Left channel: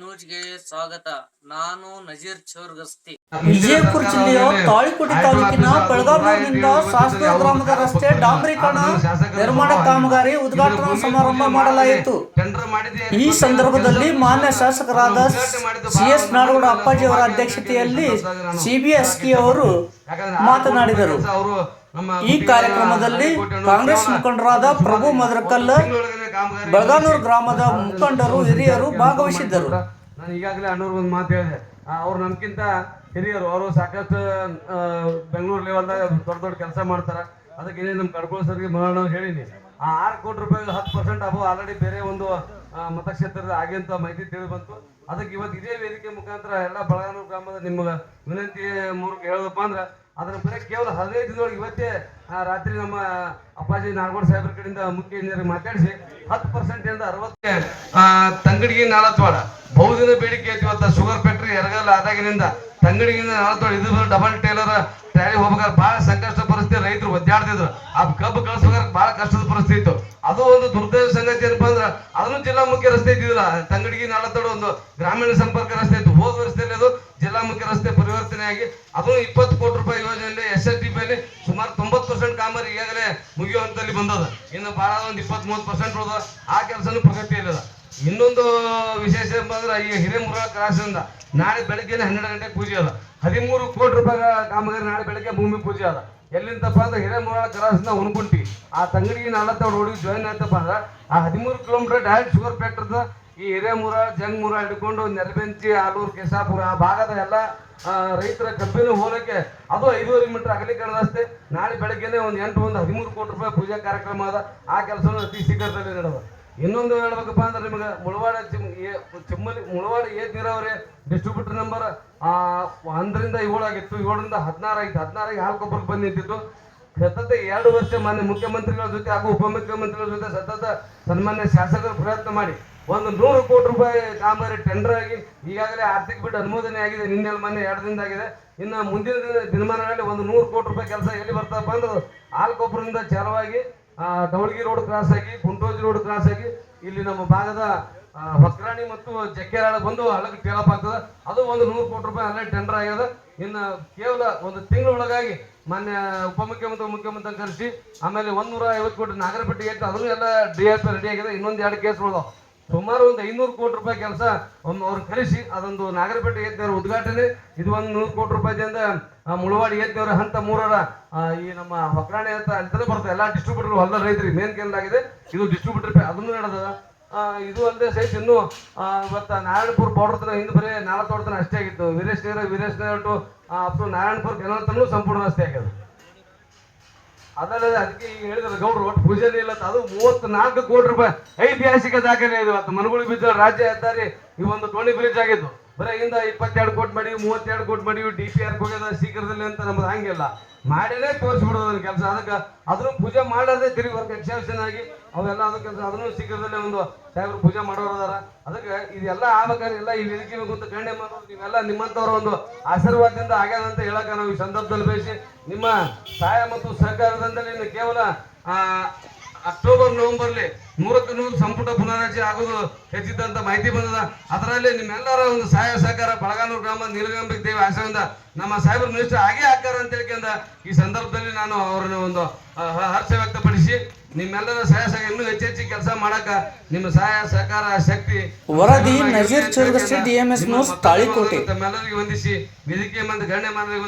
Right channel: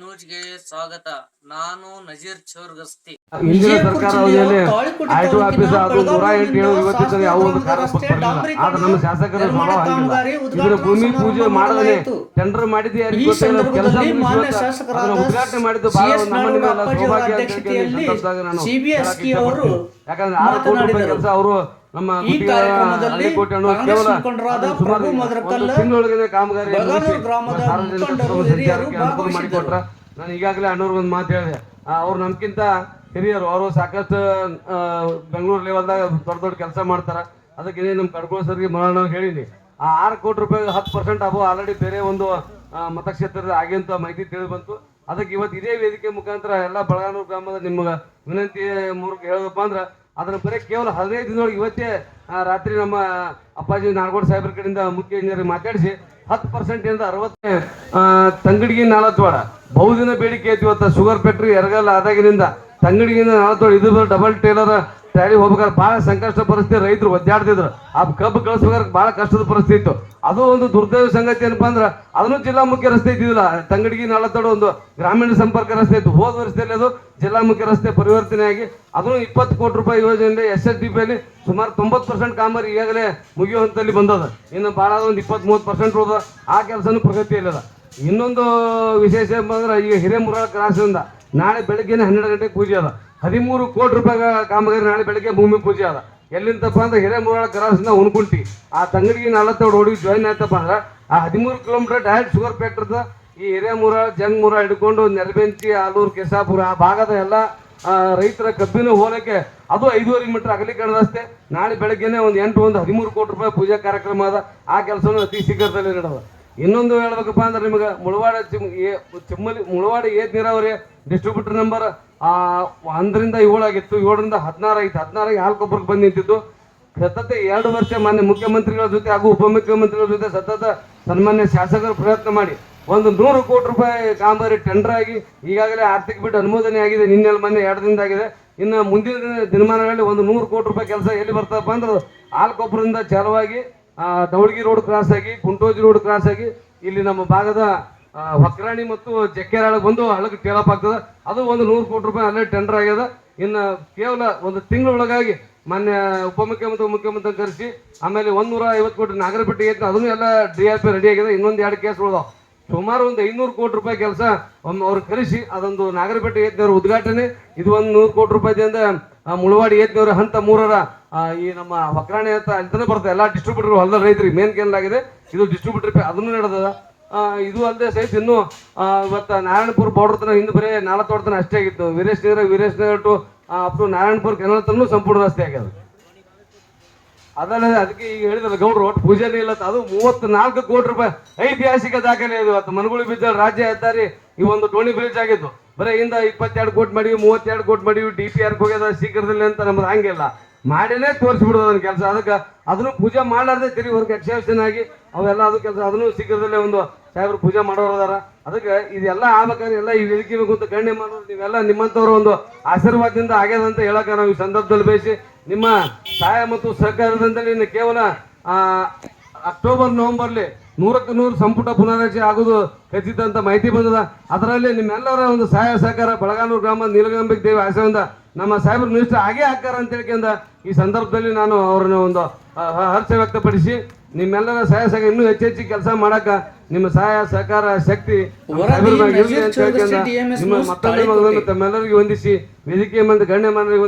ನ್ಯೂಸ್ಗೆ ಸ್ವಾಗತ. ನಾನು ನಜೀರ್ ಚೌರ್ಗಸ್ತಿ. ವಿಜಯಪುರ ಜಿಲ್ಲೆಯ ತಾಳಿಕೋಟೆ ತಾಲೂಕಿನ ಬೆಳಗಾವಿಯಿಂದ ಶಾಸಕ ಗ್ರಾಮದ ರಸ್ತೆ ಡಾಂಬರೀಕರಣ ನಿರ್ಮಾಣ ಕಾಮಗಾರಿ ಉದ್ಘಾಟನಾ ಸಮಾರಂಭ ಮಾಡಲಾಯಿತು. ಈ ಸಂದರ್ಭದಲ್ಲಿ ಮಾನ್ಯ ಶಾಸಕರಾದ ಸಿ ಎಸ್ ನಾಡಗೌಡ ಅಪ್ಪಾಜಿ ಅವರ ಅಧ್ಯಕ್ಷತೆಯಲ್ಲಿ ಸಿಬಿಎಸ್ಕಿ ಅವರು ಮಾತನಾಡಿದರು. ಈ ಕಾರ್ಯಕ್ರಮದಲ್ಲಿ ಕಾಂಗ್ರೆಸ್ ಮುಖಂಡರಾದ ಪ್ರಭು ಮದರಕಲ್ಲ ಬೆಳಗಾನೂರು ಗ್ರಾಮದ ಮುಖಂಡರು ಹಿರಿಯರು ಭಾಗವಹಿಸಿದ್ದರು. ನಾನು ಈಗಾಗಲೇ ಅಣ್ಣವ್ರಿಗೆ ಒಂದು ಮಾತು ಹೇಳಿದೆ. ಅವ್ರು ನಮ್ಗಿಂತ ಹಿರಿಯರು ಅವರು ಸಾಕಷ್ಟು ಬೆಂಗಳೂರು ಲೆವೆಲ್ದಾಗ ದೊಡ್ಡ ದೊಡ್ಡ ಕೆಲಸ ಮಾಡ್ತಾರೆ. ಅದಕ್ಕೆ ನಮ್ಮ ಕಡ್ಕೊಳ್ಳೋ ಸರ್ಗೆ ಮಾಡೋಣ ಹೇಳಿನಿ. ಆ ಆರು ಕೋಟಿ ರೂಪಾಯಿ ಹತ್ತು ಪರ್ಸೆಂಟ್ ಅಬೋ ಆಲ್ರೆಡಿ ಬೇರೆ ಒಂದು ಮತಕ್ಷೇತ್ರದ ಆಗಿ ಅಂತ ಮಾಹಿತಿ ತಿಳಿದು ಬಂತು. ಅದಕ್ಕೆ ಇವತ್ತು ಇದೇ ವೇದಿಕೆ ಮುಖಾಂತರ ಎಲ್ಲ ಬೆಳಗಾನೂರು ಗ್ರಾಮದ ನಿಮ್ಗೆ ವಿನಂತಿ ಮೂಲಕ ಹೇಳೋದಪ್ಪ ಅಂದ್ರೆ ಅದರ ಬರೀ ಕೇವಲ ಹದಿನೈದು ದಿನದೊಳಗೆ ಇವತ್ತೇ ರಾತ್ರಿ ನಮ್ಮ ಅಪ್ಪಾಜಿ ನಾಡಗೌಡ ಸಾಹೇಬ್ರ ಕಡೆಯಿಂದ ಮುಖ್ಯ ಇಂಜಿನಿಯರ್ ಮಾತಾಡಿಸಿ ಹತ್ತು ಪರ್ಸೆಂಟ್ ಇಂದ ಅರವತ್ತು ತಂಗಡಿಗೆ ನಾಲತ್ವಾಡ ಬಹುದಿನ ಬೇಡಿಕೆ ಐತಿ ಇವತ್ತು ಶುಗರ್ ಫ್ಯಾಕ್ಟ್ರಿ ಎರಗಲ್ಲ ಆದಾಗಿನಿಂದ ತಂಗಡಿಗಿಂದ ನಾಲತ್ವಾಡ ಇದು ಡಬಲ್ ಟೇಲರ್ ಟ್ಯಾಲಿ ಹೋಗ್ಬೇಕಾದ್ರೆ ಭಾಳ ಸಂಕಷ್ಟ ಪರಿಸ್ಥಿತಿ, ರೈತರು ಒದ್ದಾಡ್ತಿದ್ರು. ಆ ಕಬ್ಬು ಕಳಿಸ್ಬೇಕಾದ್ರೆ ಭಾಳ ಕಷ್ಟದ ಪರಿಸ್ಥಿತಿ ಇತ್ತು. ಅದು ಒಂದು ದುರ್ದೈವ ಸಂಗತಿ ಏನಪ್ಪ ಅಂದ್ರೆ, ಅದನ್ನು ಜಿಲ್ಲಾ ಮುಖ್ಯ ರಸ್ತೆ ಇದ್ದಿಲ್ಲ ತಂಗಡಿಗಿ ನಳತೋಡು ಒಂದು ಗ್ರಾಮೀಣ ಸಂಪರ್ಕ ರಸ್ತೆ ಇತ್ತು. ಹೋದ ವರ್ಷದಲ್ಲಿ ಅದು ಜಿಲ್ಲಾ ಮುಖ್ಯ ರಸ್ತೆ ಪರಿವರ್ತನೆ ಆಗಿ, ಅದನ್ನು ಇಪ್ಪತ್ತು ಕೋಟಿ ರೂಪಾಯಿ ಯೋಜನೆಯಲ್ಲಿ, ಎಸ್ ಎಸ್ ಡಿ ಪಿಯಲ್ಲಿ ಸುಮಾರು ತೊಂಬತ್ತು ಪರ್ಸೆಂಟ್ ಕಾಮಗಾರಿ ಈಗಾಗಲೇ ಮುಗಿಯೋ ಹಂತದಲ್ಲಿ ಬಂದದ. ಇನ್ನು ಭಾಳ ಒಂದು ಇಪ್ಪತ್ತ್ ಮೂವತ್ತು ಪರ್ಸೆಂಟ್ ಹೋದ ಆ ಕೆಲಸನೂ ಪ್ರಗತಿಯಲ್ಲಿದೆ. ಇನ್ನೊಂದು ವಿಶೇಷ ಅಂದ್ರೆ, ಈಗ ಹಿರೇಮುರ ಕ್ರಾಸಿಂದ ನಾಳೆ ಬೆಳಗ್ಗೆ ಹನ್ನೆರಡು ಗಂಟೆಗೆ ಪೂಜೆ ಅದ ಹದಿಮೂರು ಕೋಟಿ ರೂಪಾಯಿ ಕಾಮಗಾರಿ ನಾಳೆ ಬೆಳಗ್ಗೆ ಭೂಮಿ ಪೂಜೆ ಅದ ಎಲ್ಲಿಂದಪ್ಪ ಅಂದ್ರೆ ಹಿರೇಮೂರಳ ಕರಾಸಿಂದ ಉಣ್ಕುಂಟಿ ಆ ತಂಗಡಿಗೆ ನಲವತ್ತೇಳು ಹುಡುಗಿ ಜಾಯಿನ್ ಆಯ್ತಪ್ಪ ಅಂದ್ರೆ ಆ ಹದಿಮೂರು ಕಿಲೋಮೀಟರ್ ಡೈರೆಕ್ಟ್ ಶುಗರ್ ಫ್ಯಾಕ್ಟ್ರಿದ ಈ ಹಿರೇಮೂರ ಜಂಗ್ಮೂರ ಹಿಡ್ಕೊಂಡು ನೆರಬೆಂಚಿ ಆಲೂರು ಕೆಸಾಪುರ ಆ ಭಾಗದ ಎಲ್ಲ ರೈತರ ಕಬ್ಬಿನ ಹೋಲಕ್ಕೆ ಅದು ಐದೂವರೆ ಮೀಟರ್ ಅಗಲೀಕರಣ ರಸ್ತೆ ನಾಳೆ ಬೆಳಗ್ಗೆನೆ ಒಂದು ಎಂಟು ಒಂದು ಹದಿಮೂರು ಕೋಟಿ ರೂಪಾಯಿ ಪೂಜಾ ಕಾರ್ಯಕ್ರಮ ಅದ. ಆ ಕೆಲಸವನ್ನು ಅತಿ ಶೀಘ್ರದಲ್ಲಿ ನಡೆದ ಇನ್ನೊಂದು ಹೇಳ್ಬೇಕಪ್ಪ ಅಂದ್ರೆ ನಿಮಗೆ ಮುಳವಾಡ ತಿಮ್ಮಲಿ, ಮುಳವಾಡ ಏತ್ ನೀರಾವರಿ ಡಿಸ್ಟ್ರಿಬ್ಯೂಟರ್ ನಂಬರ್ ಒಂದರಿಂದ ಏಳಾಗಿತ್ತು ಏಳರಿಂದ ಹದಿನಾರು ಆಗಿತ್ತು ಹದಿನಾರಾಗಿ ಹಾಲು ಕೊಬ್ಬರಿಗೆ ಬಂದು ನಿಂತಿದ್ದು ಸತತ ಎರಡು ವರ್ಷ ಮಾನ್ಯ ಮುಖ್ಯಮಂತ್ರಿಗಳ ಜೊತೆ ಹಾಗೂ ಉಪಮುಖ್ಯಮಂತ್ರಿಗಳ ಜೊತೆ ಸತತ ಸನ್ಮಾನ್ಯ ಶಾಸಕರು ಪ್ರಯತ್ನ ಮಾಡಿ. ಒಂದು ನೂರು ಕೋಟಿ ರೂಪಾಯಿ ಕಾಮಗಾರಿ ಟೆಂಡರ್ ಆಗಿ ಈಗಾಗಲೇ ಆರ್ಥಿಕ ಬಿಟ್ಟು ಅನುಮೋದನೆ ಆಗಿದೆ. ನಿನ್ನೆ ಮೊನ್ನೆ ಎರಡು ದಿನದ ಆಗಿದೆ. ಇನ್ನು ಮುಂದಿನ ದಿನ- ದಿನಮಾನಗಳಲ್ಲಿ ಒಂದು ನೂರು ಕೋಟಿ ರೂಪಾಯಿ ಕೆಲಸ ಎಲ್ಲಿ ಬರ್ತಪ್ಪ ಅಂದ್ರೆ ಆಲ್ಕೊಬ್ಬರಿಂದ ಚಾಲುವಾಗಿ ದೌಳಗಿ ರೋಡ್ ಕ್ರಾಸ್ ಆಗಿ, ಕುಂಟೋಜಿ ರೋಡ್ ಕ್ರಾಸ್ ಆಗಿ, ಇಲ್ಲಿ ನಮ್ಮ ಭಾಗದ ಹೊಕ್ರಾಣಿ ಮತ್ತು ಜಕ್ಕೇರಾಳ ಬಂದು ಹಳಕ್ಕೆ ಟೇಲಪ್ ಆಗ್ತದೆ. ಅದು ಒಂದು ನೂರು ಕೋಟಿ ರೂಪಾಯಿ ಅಲ್ಲೇ ಟೆಂಡರ್ ಆಗ್ಯದ. ಇನ್ನು ಕೇವಲ ಒಂದು ತಿಂಗಳೊಳಗಾಗಿ ಮಾನ್ಯ ಉಪಮುಖ್ಯಮಂತ್ರಿ, ಮುಖ್ಯಮಂತ್ರಿ ಕರೆಸಿ, ಆಮೇಲೆ ಒಂದೂರ ಐವತ್ತು ಕೋಟಿ ನಾಗರಪಟ್ಟಿ ಐತೆ. ಅದನ್ನು ಎಲ್ಲ ಡಿ ಐ ಪಿ ರೆಡಿ ಆಗಿದೆ. ಇನ್ನೊಂದು ಎರಡು ಕೇಸ್ ಉಳಿದಾವ. ಸುಮಾರು ಒಂದು ಐನೂರು ಕೋಟಿ ರೂಪಾಯಿ ಕೆಲಸ ಅವ್ರು ಕರೆಸಿ, ಅದೊಂದು ನಾಗರಪೇಟೆ ಏತ್ನವ್ರ ಉದ್ಘಾಟನೆ. ಇದು ಒಂದು ನೂರು ಕೋಟಿ ರೂಪಾಯಿದಿಂದ ಆ, ಮುಳವಾಡಿ ಏತ್ನವ್ರ ಹಂತ ಮೂರರ ಈ ನಮ್ಮ ಹೊಕ್ರಾಣಿ ಅಂತ ಅಂತಾನೆ ಬರುತ್ತೆ ಎಲ್ಲ ಡಿಸ್ಟ್ರಿಬ್ಯೂಟರ್ ಹೊಲದ ರೈತರಿಗೆ ಮೇನ್ ಕೇಂದ್ರಾಗಿದೆ ಇದು ಡಿಸ್ಟ್ರಿಬ್ಯೂಟರ್ ಅದನ್ನು ನಡೆದದ. ಇದು ಅಲ್ಲದೆ ಸೇರಿಸಿ ಇನ್ನು ಇವತ್ತು ನಾರಾಯಣಪುರ ಬಾರ್ಡರ್ ತನ ಹಿಂದೆ ಬರೀ ನಾಲ್ಕು ತನ ಅಷ್ಟೇ ಆಗಿತ್ತು. Veeresh Nagar Veeresh Nagar to up Narayanapura canal ತನೂ ಸಂಪೂರ್ಣ ರಸ್ತೆ ಆಗ್ಯದ. ಅದಲ್ಲದೆ ಅದಕ್ಕೆ ಈಗ ಹೇಳಿದ್ರೆ ಗೌಡ್ರು ಒಟ್ಟು ಪೂಜೆನೇ ಇಲ್ಲ. ಅದು ಮೂವತ್ತು ನಾಲ್ಕು ಕೋಟಿ ರೂಪಾಯಿ ಐತಿಹಾಸಿಕ ದಾಖಲೆ ಇದು. ಇವತ್ತು ಮನಗುಳಿ ಬಿದ್ದ ರಾಜ್ಯ ಹೆದ್ದಾರಿ ಈ ಒಂದು ಟೋಣಿ ಬ್ರಿಡ್ಜ್ ಆಗಿದ್ದು. ಬರೀ ಇಂದ ಇಪ್ಪತ್ತೆರಡು ಕೋಟಿ ಮಾಡಿವಿ ಮೂವತ್ತೆರಡು ಕೋಟಿ ಮಾಡಿವಿ ಡಿ ಪಿ ಆರ್ ಹೋಗ್ಯದ ಶೀಘ್ರದಲ್ಲಿ ಅಂತ ನಮ್ದು ಹಂಗಿಲ್ಲ. ಮಾಡಿನೇ ತೋರಿಸ್ಬಿಡೋದು ಅದನ್ನ ಕೆಲಸ. ಅದಕ್ಕೆ ಅದನ್ನು ಪೂಜೆ ಮಾಡಾರ್ದೆ ತಿರುಗಿ ಹೊರಗೆ ಎಕ್ಸೆಪ್ಷನ್ ಆಗಿ ಅವೆಲ್ಲ ಅದು ಕೆಲಸ. ಅದನ್ನು ಶೀಘ್ರದಲ್ಲೇ ಒಂದು ಸಾಹೇಬ್ರು ಪೂಜೆ ಮಾಡೋರು ಅದಾರ. ಅದಕ್ಕೆ ಇದೆಲ್ಲ ಆಗ್ಬೇಕಾದ್ರೆ ಎಲ್ಲ ಈ ವೇದಿಕೆ ಅಂತ ಗಣ್ಯ ಮಾಡೋರು ನೀವೆಲ್ಲ ನಿಮ್ಮಂಥವ್ರ ಒಂದು ಆಶೀರ್ವಾದದಿಂದ ಆಗ್ಯದ ಅಂತ ಹೇಳಕ ನಾವು ಈ ಸಂದರ್ಭದಲ್ಲಿ ಬಯಸಿ ನಿಮ್ಮ ಸಹಾಯ ಮತ್ತು ಸಹಕಾರದಿಂದಲೇ ಕೇವಲ ಅಕ್ಟೋಬರ್ ನವೆಂಬರ್ಲಿ ನೂರಕ್ಕೆ ನೂರು ಸಂಪುಟ ಪುನರಾರಚನೆ ಆಗುವುದು ಖಚಿತ ಅಂತ ಮಾಹಿತಿ ಬಂದದ ಅದರಲ್ಲಿ ನಿಮ್ಮೆಲ್ಲರ ಒಂದು ಸಹಾಯ ಸಹಕಾರ ಬಳಗಾನೂರು ಗ್ರಾಮ ನೀಲಗಂಬಿಕ್ ದೇವಿ ಆಶಯದಿಂದ ನಮ್ಮ ಸಾಹೇಬ್ರ ಮಿನಿಸ್ಟರ್ ಹಾಗೆ ಹಾಕಾರ ಅಂತ ಹೇಳ್ಕೊಂಡ ಈ ಸಂದರ್ಭದಲ್ಲಿ ನಾನು ಅವರನ್ನ ಒಂದು ಹರ್ಷ ವ್ಯಕ್ತಪಡಿಸಿ ನಿಮ್ಮೆಲ್ಲರ ಸಹಾಯ ಸಹಕಾರ ಇನ್ನೂ ಹೆಚ್ಚು ಹೆಚ್ಚು ಕೆಲಸ ಮಾಡಕ ನಿಮ್ಮ ಸಹಾಯ ಸಹಕಾರ ಶಕ್ತಿ. ತಮ್ಮೆಲ್ಲರಿಗೂ ವಂದಿಸಿ ವೇದಿಕೆ ಮಂದಿ ಗಣ್ಯ ಮಂದಿ